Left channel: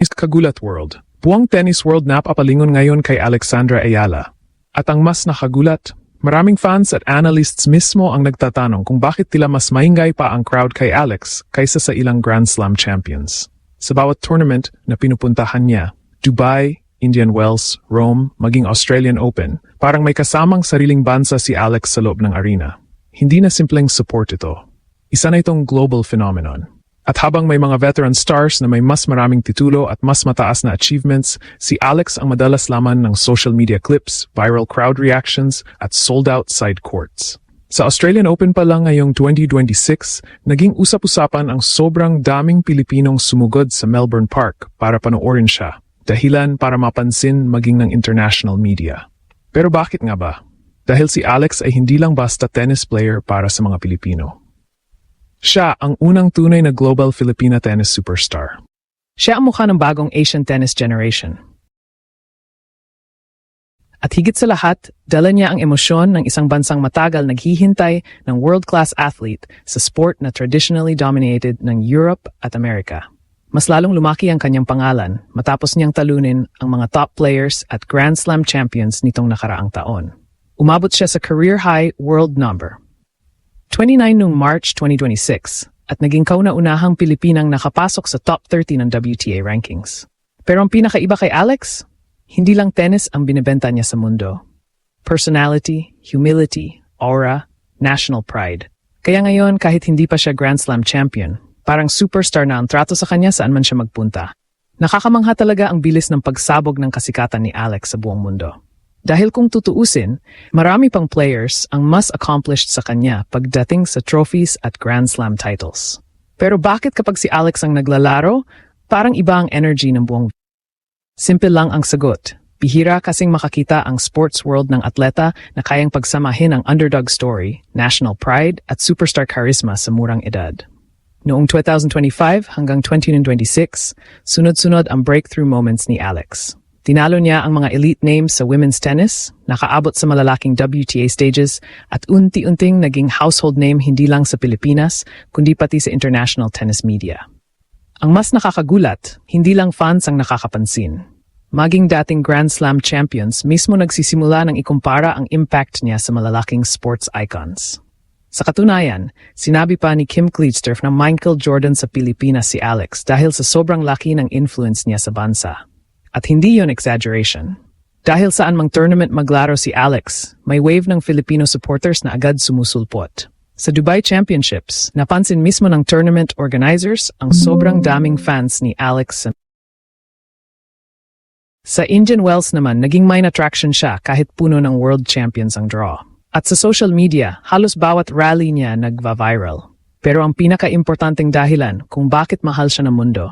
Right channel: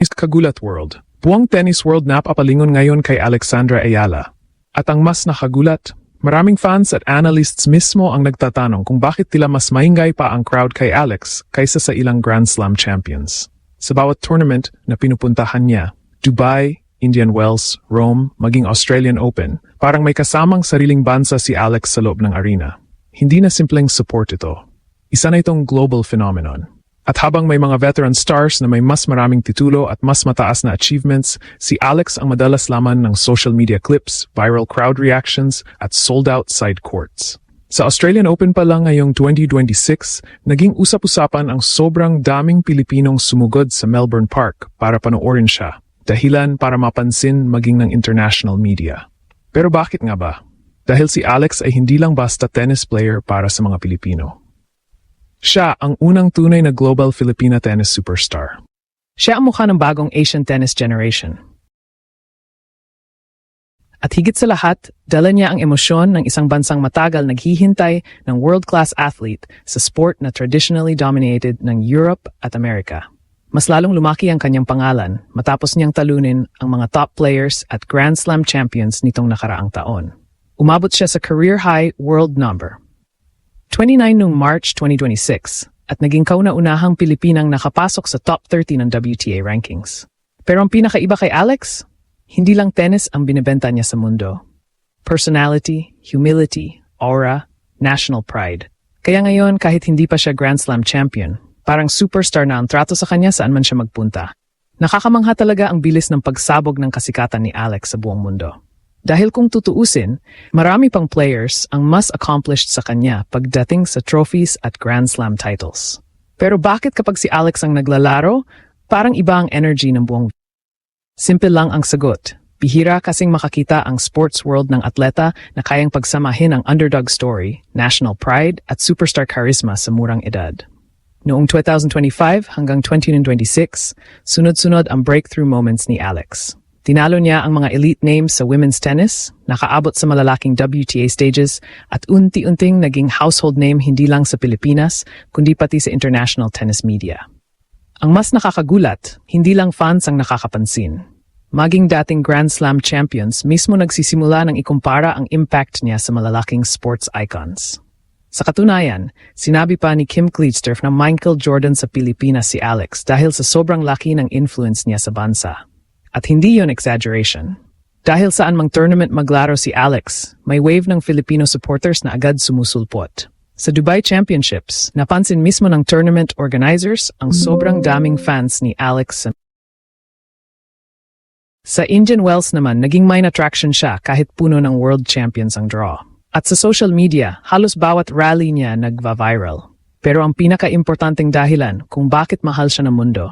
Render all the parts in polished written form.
is Kagulat World. Buong tennis world napapalingon ngayon kay Alexandra Ayala. At ang mas nakagulat, maraming fans at analysts mismo ang nagtatanong kung bakit tila mas maingay pa ang crowd kay Alex kaysa sa ilang Grand Slam champions. Sa bawat tournament na pinupuntahan niya, Dubai, Indian Wells, Rome, maging Australian Open, parang may kasamang sariling bansa si Alex sa loob ng arena. Hindi na simpleng support ito. Isa na itong global phenomenon. At habang may mga veteran stars na may mas maraming titulo at mas mataas na achievements, si Alex ang madalas laman ng social media clips, viral crowd reactions, at sold-out side courts. Sa Australian Open pa lang ngayong 2026, naging usap-usapan ang sobrang daming Pilipinong sumugod sa Melbourne Park para panoorin siya. Dahilan para mapansin maging ng international media. Pero bakit nga ba? Dahil si Alex ay hindi lang basta tennis player para sa mga Pilipino. Siya ang unang tunay na global Filipina tennis superstar. Siya ang mukha ng bagong Asian tennis generation. At higit sa lahat, dala niya ang emosyon ng isang bansang matagal naghihintay ng world-class athlete sa sport na traditionally dominated ng Europe at Amerika. Mas lalong lumaki ang kanyang pangalan matapos niyang talunin ang mga top players at Grand Slam champions nitong nakaraang taon. Umabot siya sa career-high world number 29 noong March 2026 at naging kauna-unahang Pilipinang nakapasok sa top 30 ng WTA rankings. Pero ang pinakaiba kay Alex, hindi lang tennis ang binibenta niya sa mundo. Personality, humility, aura, national pride. Kaya ngayon kahit hindi pa siya Grand Slam champion, parang superstar na ang trato sa kanya saan man siya magpunta. Nakakamangha talaga ang bilis ng pagsabog ng kasikatan ni Alex sa buong mundo. Dahil kung tutuusin, marami pang players ang mas accomplished sa kanya pagdating sa trophies at Grand Slam titles. Pero bakit kapag si Alex ang naglalaro, parang iba ang energy ng buong... Simple lang ang sagot. Bihira kasing makakita ang sports world ng atleta na kayang pagsamahin ang underdog story, national pride at superstar charisma sa murang edad. Noong 2025 hanggang 2026, sunod-sunod ang breakthrough moments ni Alex. Tinalo niya ang mga elite names sa women's tennis, nakaabot sa malalaking WTA stages, at unti-unting naging household name hindi lang sa Pilipinas, kundi pati sa international tennis media. Ang mas nakakagulat, hindi lang fans ang nakakapansin. Maging dating Grand Slam champions, mismo nagsisimula ng ikumpara ang impact niya sa malalaking sports icons. Sa katunayan, sinabi pa ni Kim Clijsters na Michael Jordan sa Pilipinas si Alex dahil sa sobrang laki ng influence niya sa bansa. At hindi yon exaggeration. Dahil saan mang tournament maglaro si Alex, may wave ng Filipino supporters na agad sumusulpot. Sa Dubai Championships, napansin mismo ng tournament organizers ang sobrang daming fans ni Alex. Sa Indian Wells naman, naging main attraction siya kahit puno ng world champions ang draw. At sa social media, halos bawat rally niya nagva-viral. Pero ang pinaka-importanting dahilan kung bakit mahal siya ng mundo,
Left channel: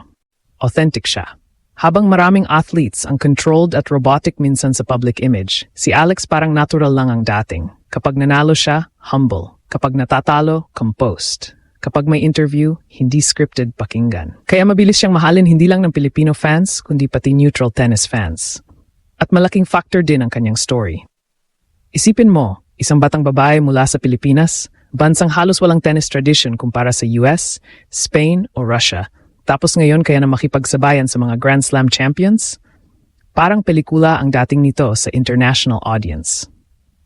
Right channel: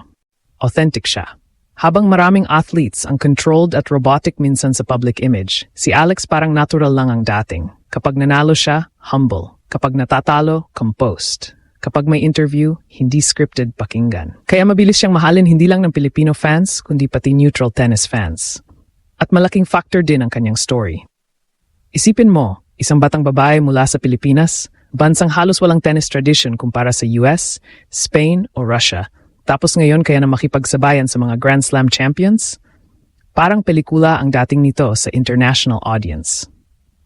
authentic siya. Habang maraming athletes ang controlled at robotic minsan sa public image, si Alex parang natural lang ang dating. Kapag nanalo siya, humble. Kapag natatalo, composed. Kapag may interview, hindi scripted pakinggan. Kaya mabilis siyang mahalin hindi lang ng Filipino fans, kundi pati neutral tennis fans. At malaking factor din ang kanyang story. Isipin mo, isang batang babae mula sa Pilipinas, bansang halos walang tennis tradition kumpara sa US, Spain o Russia, tapos ngayon kaya na makipagsabayan sa mga Grand Slam champions? Parang pelikula ang dating nito sa international audience.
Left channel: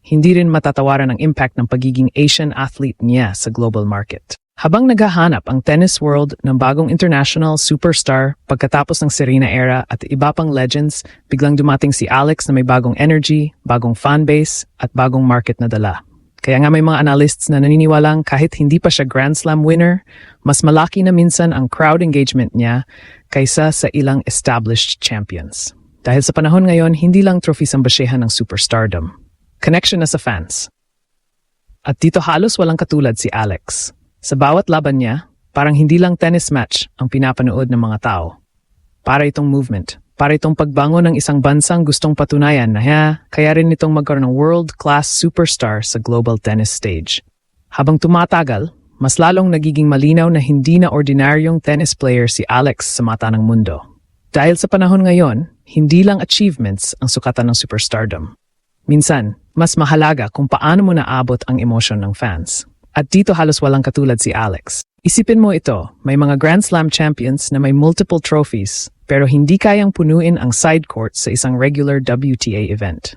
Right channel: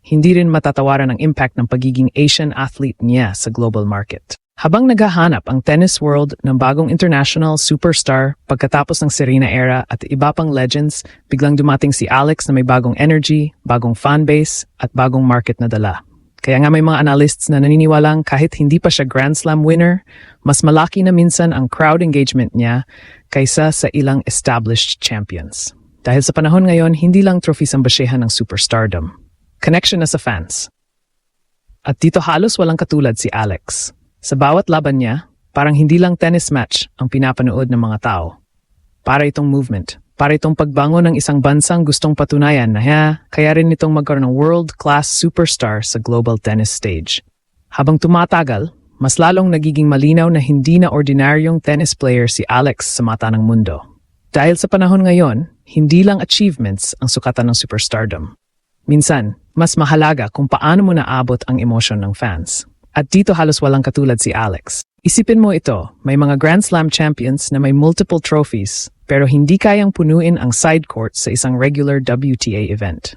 Hindi rin matatawaran ang impact ng pagiging Asian athlete niya sa global market. Habang naghahanap ang tennis world ng bagong international superstar pagkatapos ng Serena era at iba pang legends, biglang dumating si Alex na may bagong energy, bagong fanbase at bagong market na dala. Kaya nga may mga analysts na naniniwalang kahit hindi pa siya Grand Slam winner, mas malaki na minsan ang crowd engagement niya kaysa sa ilang established champions. Dahil sa panahon ngayon, hindi lang trophies ang basyahan ng superstardom. Connection na sa fans. At dito halos walang katulad si Alex. Sa bawat laban niya, parang hindi lang tennis match ang pinapanood ng mga tao. Para itong movement. Para itong pagbangon ng isang bansang gustong patunayan na kaya rin itong magkaroon ng world-class superstar sa global tennis stage. Habang tumatagal, mas lalong nagiging malinaw na hindi na ordinaryong tennis player si Alex sa mata ng mundo. Dahil sa panahon ngayon, hindi lang achievements ang sukatan ng superstardom. Minsan, mas mahalaga kung paano mo naabot ang emosyon ng fans. At dito halos walang katulad si Alex. Isipin mo ito, may mga Grand Slam champions na may multiple trophies, pero hindi kayang punuin ang side court sa isang regular WTA event.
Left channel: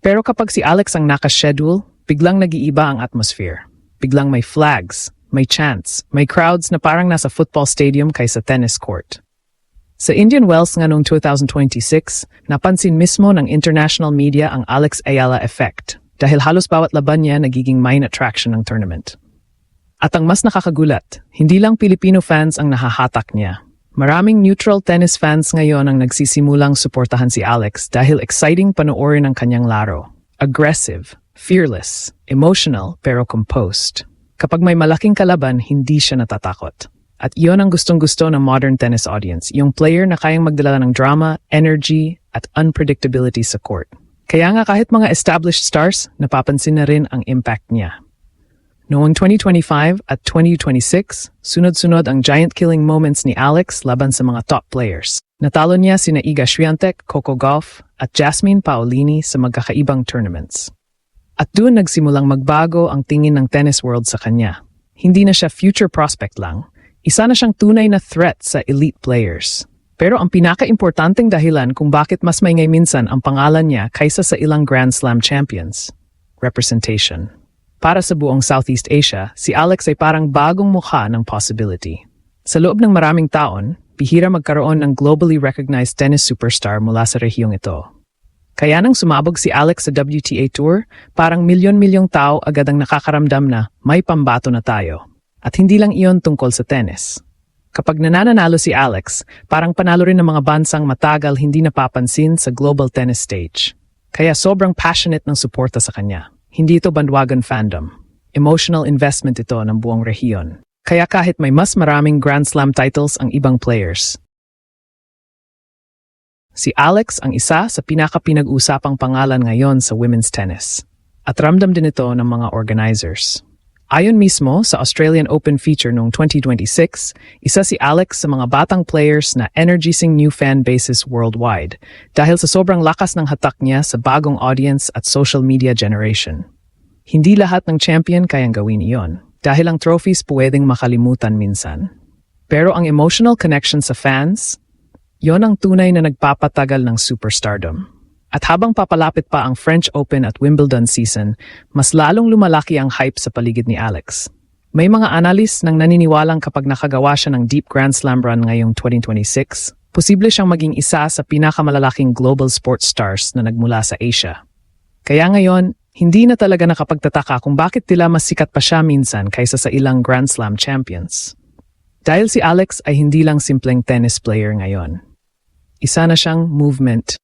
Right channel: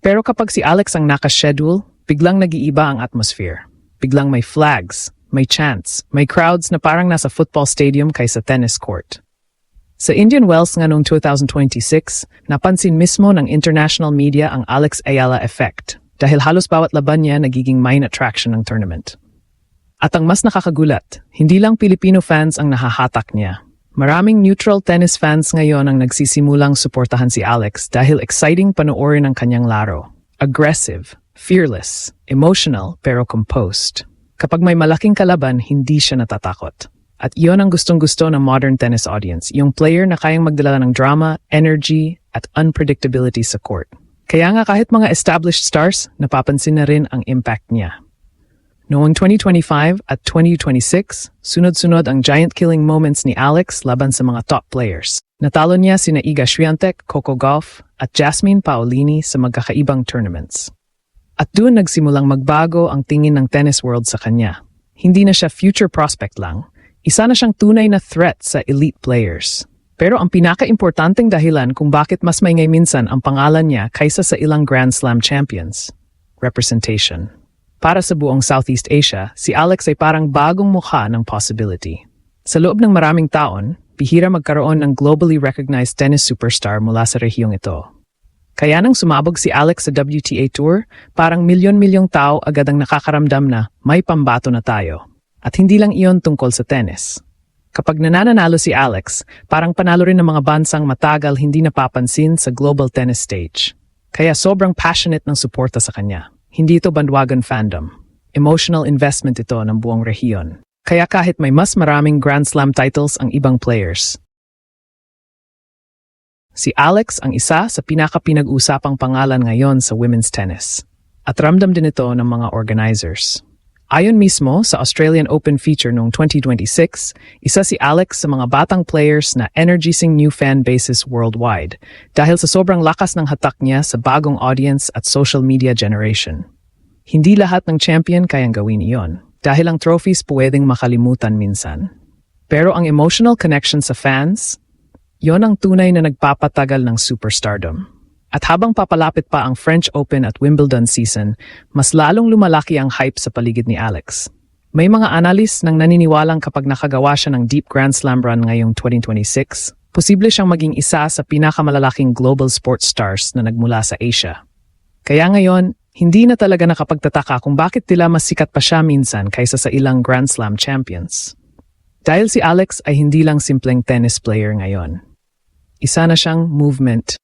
Pero kapag si Alex ang nakaschedule, biglang nag-iiba ang atmosphere. Biglang may flags, may chants, may crowds na parang nasa football stadium kaysa tennis court. Sa Indian Wells nga noong 2026, napansin mismo ng international media ang Alex Ayala effect dahil halos bawat laban niya nagiging main attraction ng tournament. At ang mas nakakagulat, hindi lang Filipino fans ang nahahatak niya. Maraming neutral tennis fans ngayon ang nagsisimulang suportahan si Alex dahil exciting panoorin ang kanyang laro. Aggressive, fearless, emotional, pero composed. Kapag may malaking kalaban, hindi siya natatakot. At iyon ang gustong-gusto ng modern tennis audience, yung player na kayang magdala ng drama, energy, at unpredictability sa court. Kaya nga kahit mga established stars, napapansin na rin ang impact niya. Noong 2025 at 2026, sunod-sunod ang giant-killing moments ni Alex laban sa mga top players. Natalo niya sina Iga Swiatek, Coco Gauff, at Jasmine Paolini sa magkakaibang tournaments. At doon nagsimulang magbago ang tingin ng tennis world sa kanya. Hindi na siya future prospect lang, isa na siyang tunay na threat sa elite players. Pero ang pinaka-importanting dahilan kung bakit mas maingay minsan ang pangalan niya kaysa sa ilang Grand Slam champions, representation. Para sa buong Southeast Asia, si Alex ay parang bagong mukha ng possibility. Sa loob ng maraming taon, bihira magkaroon ng globally recognized tennis superstar mula sa rehiyong ito. Kaya nang sumabog si Alex sa WTA Tour, parang milyon-milyong tao agad ang nakakaramdam na may pambato na tayo. At hindi lang iyon tungkol sa tennis. Kapag nananalo si Alex, parang panalo rin ng mga bansang matagal hindi napapansin sa global tennis stage. Kaya sobrang passionate ng suporta sa kanya. Hindi ito bandwagon fandom. Emotional investment ito ng buong rehiyon. Kaya kahit may mas maraming Grand Slam titles ang ibang players, si Alex ang isa sa pinaka-pinag-usapang pangalan ngayon sa women's tennis. At ramdam din ito ng mga organizers. Ayon mismo sa Australian Open feature noong 2026, isa si Alex sa mga batang players na energizing new fan bases worldwide dahil sa sobrang lakas ng hatak niya sa bagong audience at social media generation. Hindi lahat ng champion kayang gawin iyon dahil ang trophies pwedeng makalimutan minsan. Pero ang emotional connection sa fans, yon ang tunay na nagpapatagal ng superstardom. At habang papalapit pa ang French Open at Wimbledon season, mas lalong lumalaki ang hype sa paligid ni Alex. May mga analyst nang naniniwalang kapag nakagawa siya ng deep Grand Slam run ngayong 2026, posible siyang maging isa sa pinakamalalaking global sports stars na nagmula sa Asia. Kaya ngayon, hindi na talaga nakapagtataka kung bakit tila mas sikat pa siya minsan kaysa sa ilang Grand Slam champions. Dahil si Alex ay hindi lang simpleng tennis player ngayon. Isa na siyang movement.